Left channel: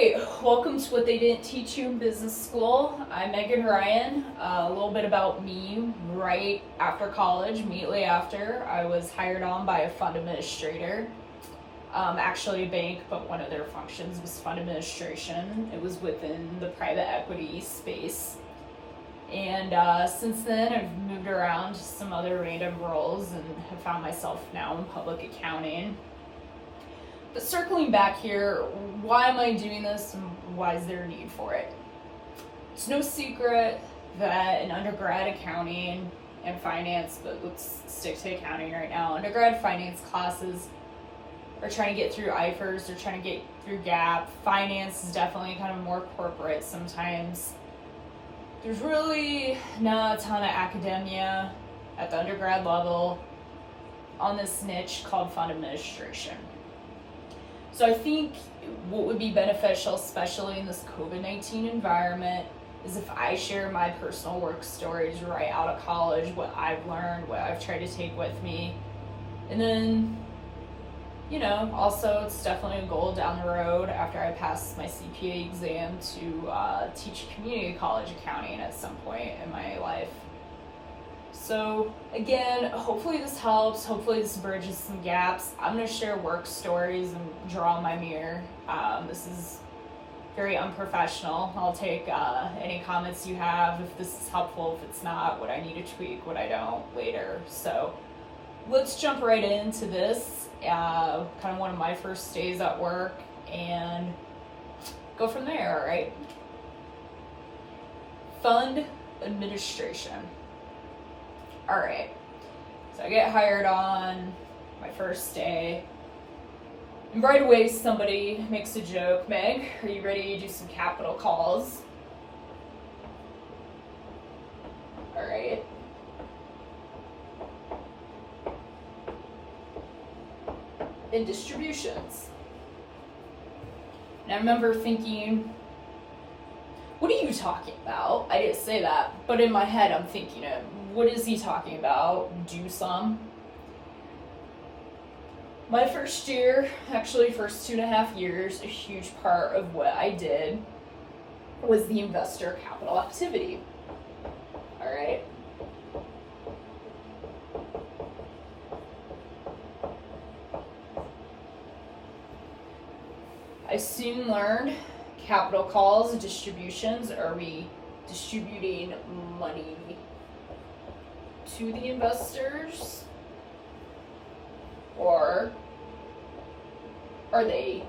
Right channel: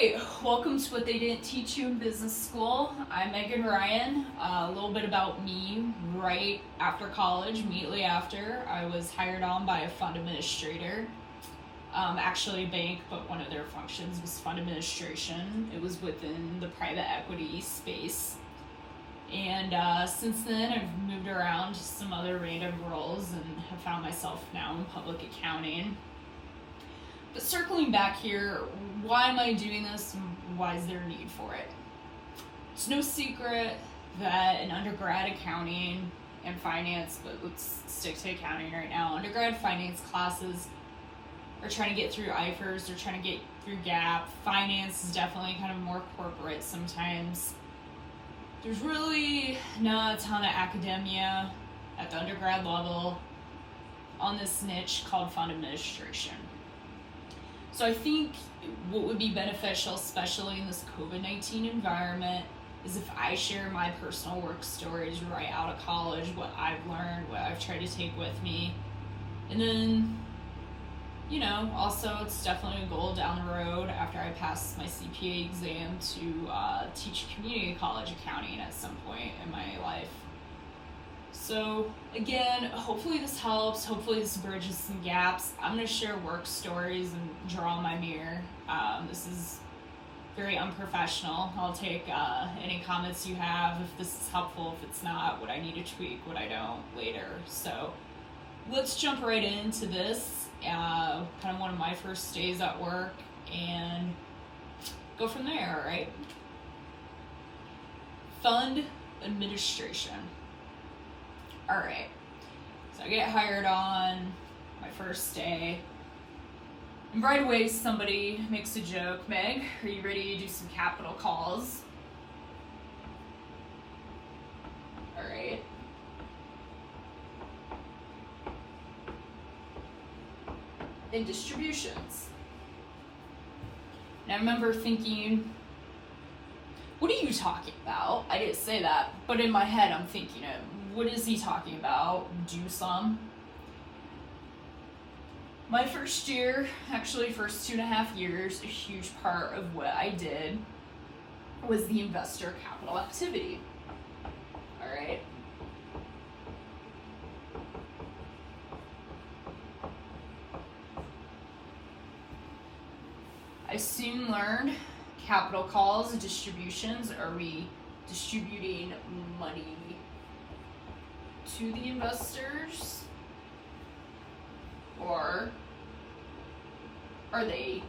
right, welcome to What They Didn't Teach You in Business School. I'm Megan Ryan. A little bit about me. Right after college, immediately after, I was hired on by a fund administrator. Actually a bank, but one of their functions was fund administration. It was within the private equity space. And since then, I've moved around to some other random roles and have found myself now in public accounting. But circling back here, why am I doing this and why is there a need for it? It's no secret that in undergrad accounting and finance, but let's stick to accounting right now, undergrad finance classes are trying to get through IFRS, they're trying to get through GAAP. Finance is definitely kind of more corporate sometimes. There's really not a ton of academia at the undergrad level on this niche called fund administration. So I think what would be beneficial, especially in this COVID-19 environment, is if I share my personal work stories right out of college, what I've learned, what I've tried to take with me. And then, also it's definitely a goal down the road after I pass my CPA exam to teach community college accounting at some point in my life. So again, hopefully this helps, hopefully this bridges some gaps. I'm going to share work stories and draw on my mirror. This is very unprofessional. I'll take any comments you have if this is helpful, if it's not, what I need to tweak, what I don't later. So let's jump right into this, kind of one of my first days at work, and go from there, all right? Fund administration. All right, so I get hired on my first day, and right away somebody makes a joke. Meg, are you ready to do some capital calls? All right. And distributions. And I remember thinking, what are you talking about? I didn't say that, but in my head I'm thinking it. What is he talking about? Do some. My first year, actually first 2.5 years, a huge part of what I did was the investor capital activity. All right. I soon learned capital calls, distributions. Are we distributing money to the investors, or are they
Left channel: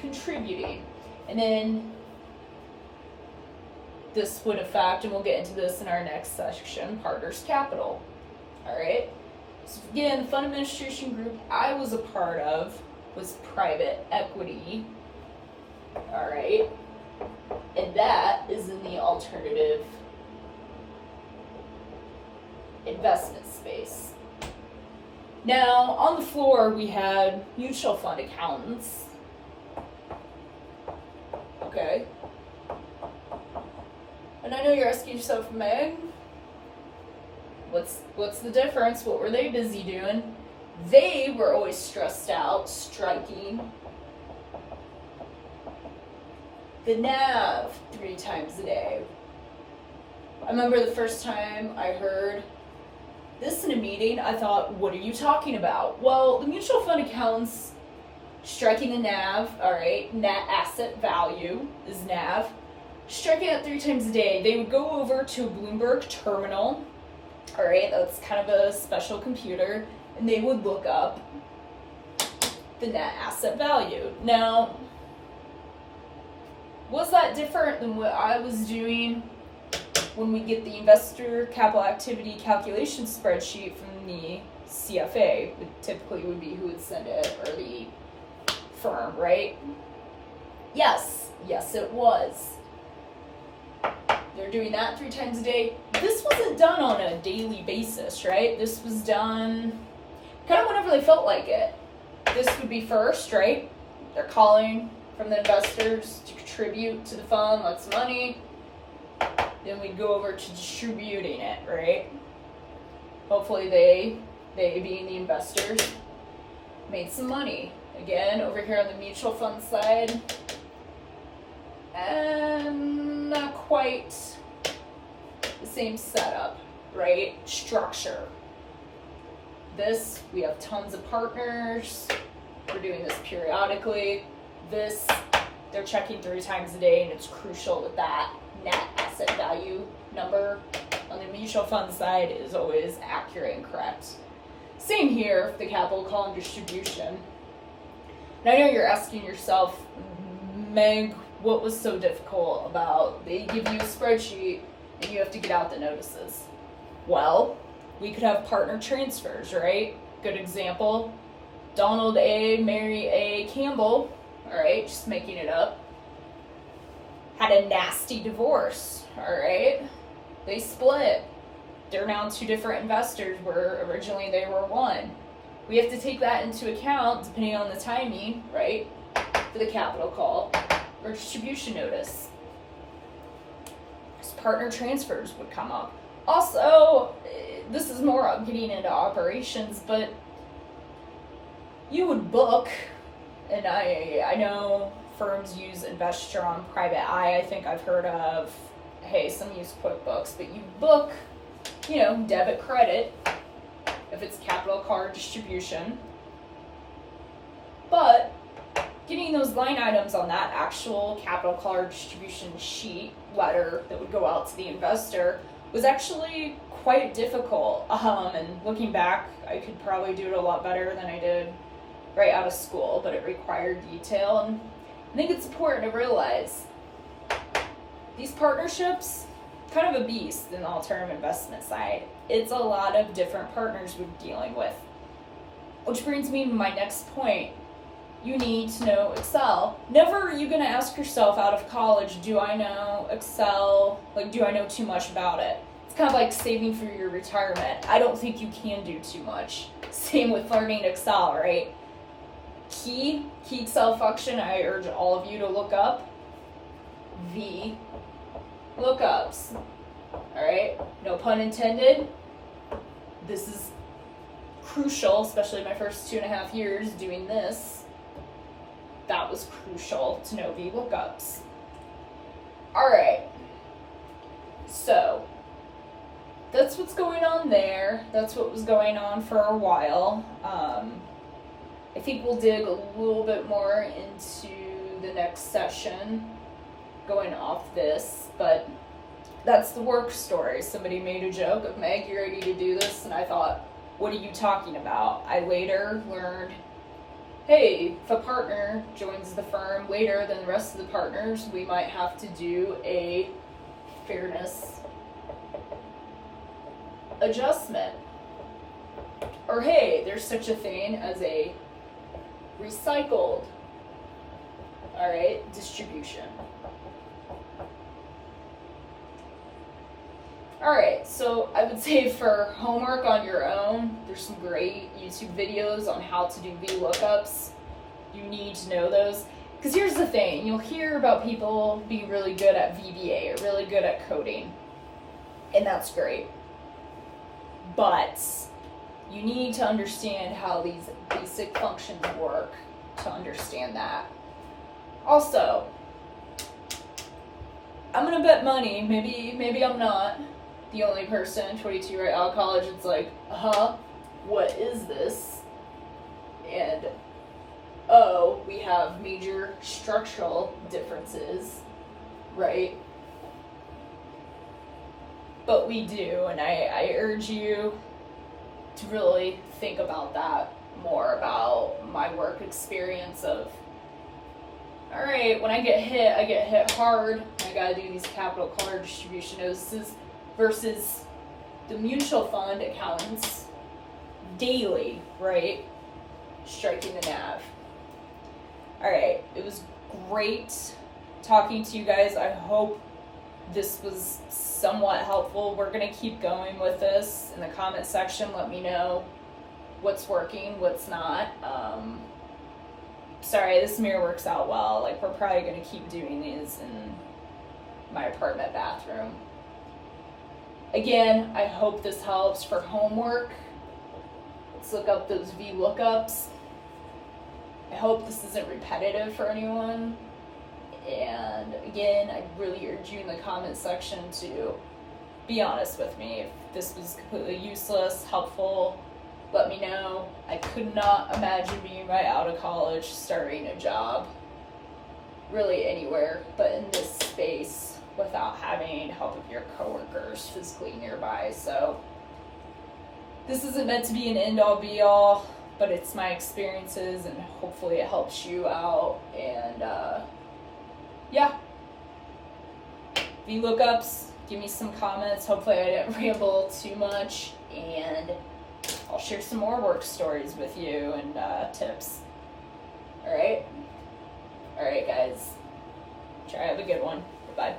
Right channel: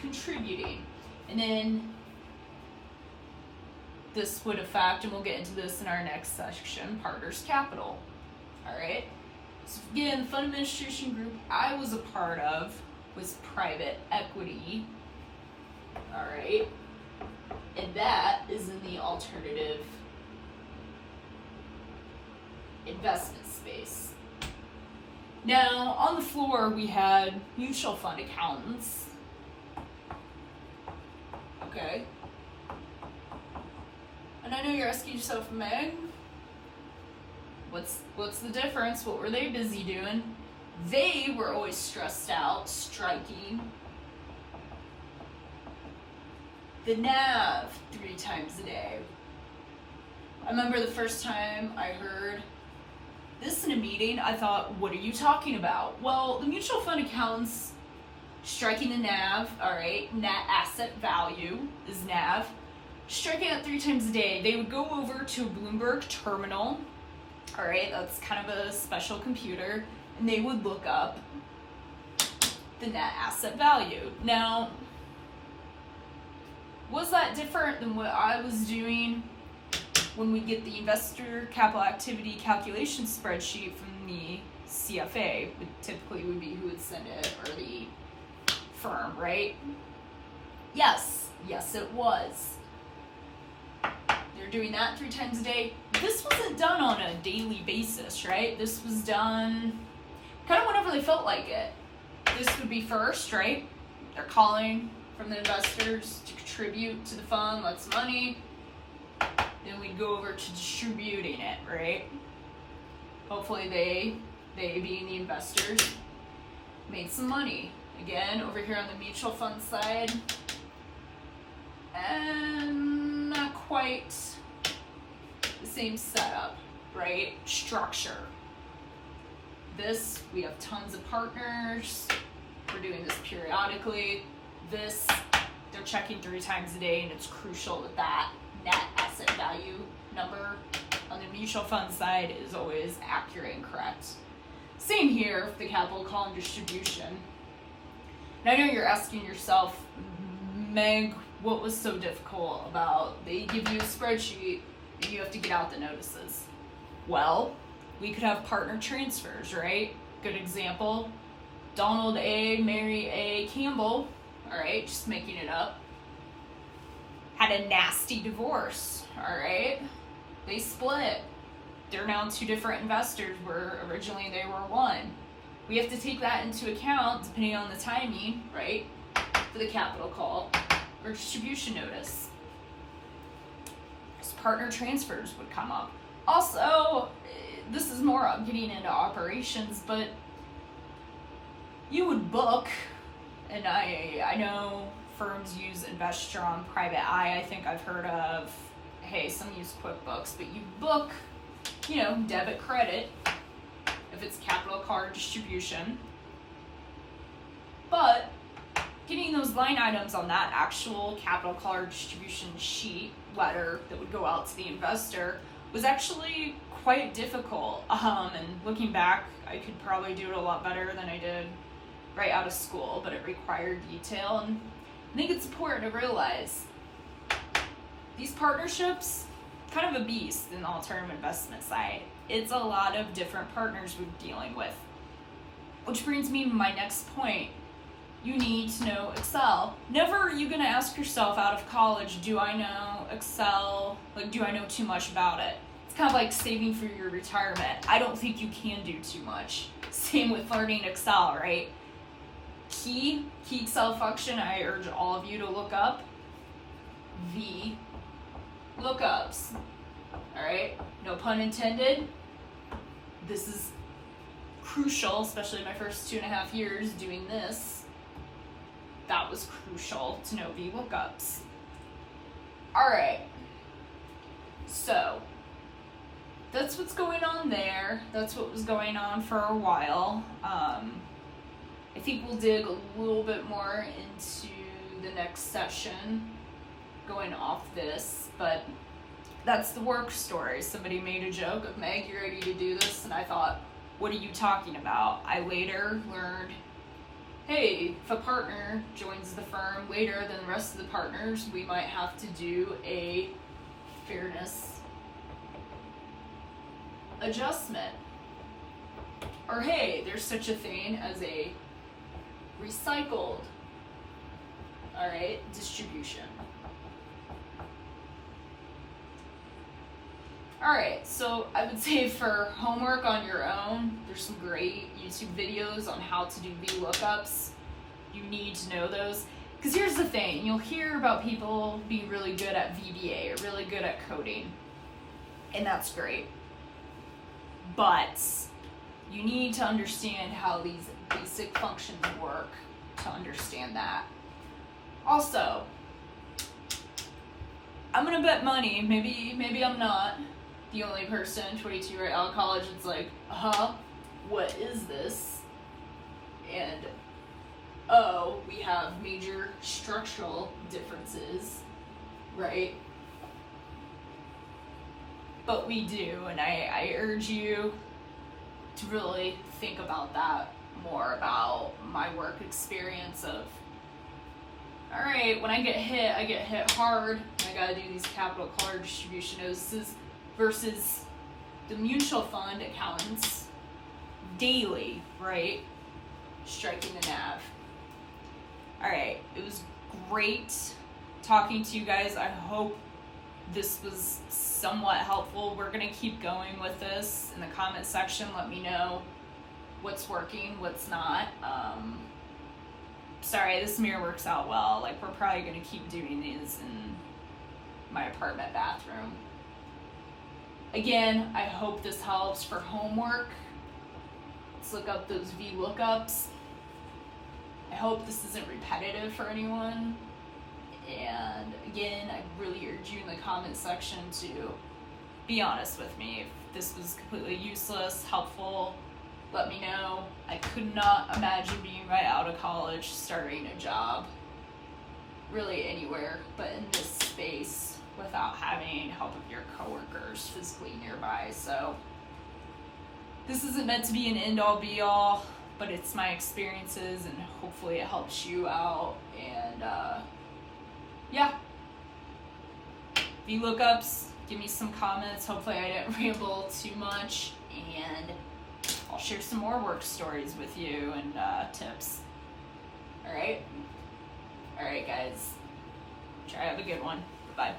contributing? And then this would affect, and we'll get into this in our next section, partners capital. All right. So again, the fund administration group I was a part of was private equity. All right. And that is in the alternative investment space. Now, on the floor, we had mutual fund accountants. Okay. And I know you're asking yourself, Meg, what's the difference? What were they busy doing? They were always stressed out, striking the NAV 3 times a day. I remember the first time I heard this in a meeting, I thought, what are you talking about? Well, the mutual fund accountants striking the NAV, all right, net asset value is NAV, striking it 3 times a day. They would go over to a Bloomberg terminal, all right, that's kind of a special computer, and they would look up the net asset value. Now, was that different than what I was doing when we get the investor capital activity calculation spreadsheet from the CFA? It typically would be who would send it, or the firm, right? Yes, it was. They're doing that 3 times a day. This wasn't done on a daily basis, right? This was done kind of whenever they felt like it. This would be first, right? They're calling from the investors to contribute to the fund, lots of money. Then we go over to distributing it, right? Hopefully they being the investors, made some money. Again, over here on the mutual fund side, and not quite the same setup, right? Structure. This, we have tons of partners. We're doing this periodically. This, they're checking 3 times a day, and it's crucial that that net asset value number on the mutual fund side is always accurate and correct. Same here, the capital call and distribution. And I know you're asking yourself, Meg, what was so difficult about they give you a spreadsheet and you have to get out the notices? Well, we could have partner transfers, right? Good example, Donald A., Mary A. Campbell, all right, just making it up, had a nasty divorce, all right? They split. They're now 2 different investors where originally they were one. We have to take that into account depending on the timing, right, for the capital call or distribution notice. So partner transfers would come up. Also, this is more of getting into operations, but you would book, and I know firms use Investor on Private Eye. I think I've heard of, hey, some use QuickBooks, but you book, debit, credit, if it's capital card distribution. But getting those line items on that actual capital card distribution sheet letter that would go out to the investor was actually quite difficult. And looking back, I could probably do it a lot better than I did right out of school, but it required detail. And I think it's important to realize these partnerships, kind of a beast in the alternative investment side. It's a lot of different partners we're dealing with. Which brings me to my next point. You need to know Excel. Never are you going to ask yourself out of college, do I know Excel? Like, do I know too much about it? It's kind of like saving for your retirement. I don't think you can do too much. Same with learning Excel, right? Key Excel function I urge all of you to look up. V lookups. All right, no pun intended. This is crucial, especially my first 2.5 years doing this. That was crucial to know V lookups. All right, so that's what's going on there. That's what was going on for a while. I think we'll dig a little bit more into the next session going off this, but that's the work story. Somebody made a joke of, Meg, you ready to do this? And I thought, what are you talking about? I later learned, hey, if a partner joins the firm later than the rest of the partners, we might have to do a fairness adjustment. Or hey, there's such a thing as a recycled, all right, distribution. All right, so I would say for homework on your own, there's some great YouTube videos on how to do VLOOKUPs. You need to know those. Because here's the thing, you'll hear about people being really good at VBA or really good at coding. And that's great. But you need to understand how these basic functions work to understand that. Also, I'm gonna bet money, maybe I'm not the only person, 22 right out of college, it's like, what is this? And, oh, we have major structural differences, right? But we do, and I urge you to really think about that more, about my work experience of, all right, when I get hit hard, I gotta do these capital card distribution notices versus the mutual fund accountants daily, right? Striking the nav. All right, it was great talking to you guys. I hope this was somewhat helpful. We're gonna keep going with this. In the comment section, let me know what's working, what's not. Sorry, this mirror works out well. Like, we're probably gonna keep doing these in my apartment bathroom. Again, I hope this helps for homework. Let's look up those VLOOKUPs. I hope this isn't repetitive for anyone. And again, I really urge you in the comment section to be honest with me. If this was completely useless, helpful, let me know. I could not imagine being right out of college, starting a job, really anywhere, but in this space without having help of your coworkers physically nearby. So this isn't meant to be an end-all be-all, but it's my experiences, and hopefully it helps you out. And yeah, VLOOKUPs, give me some comments. Hopefully I didn't ramble too much, and I'll share some more work stories with you and tips. All right, guys. Try to have a good one. Bye-bye.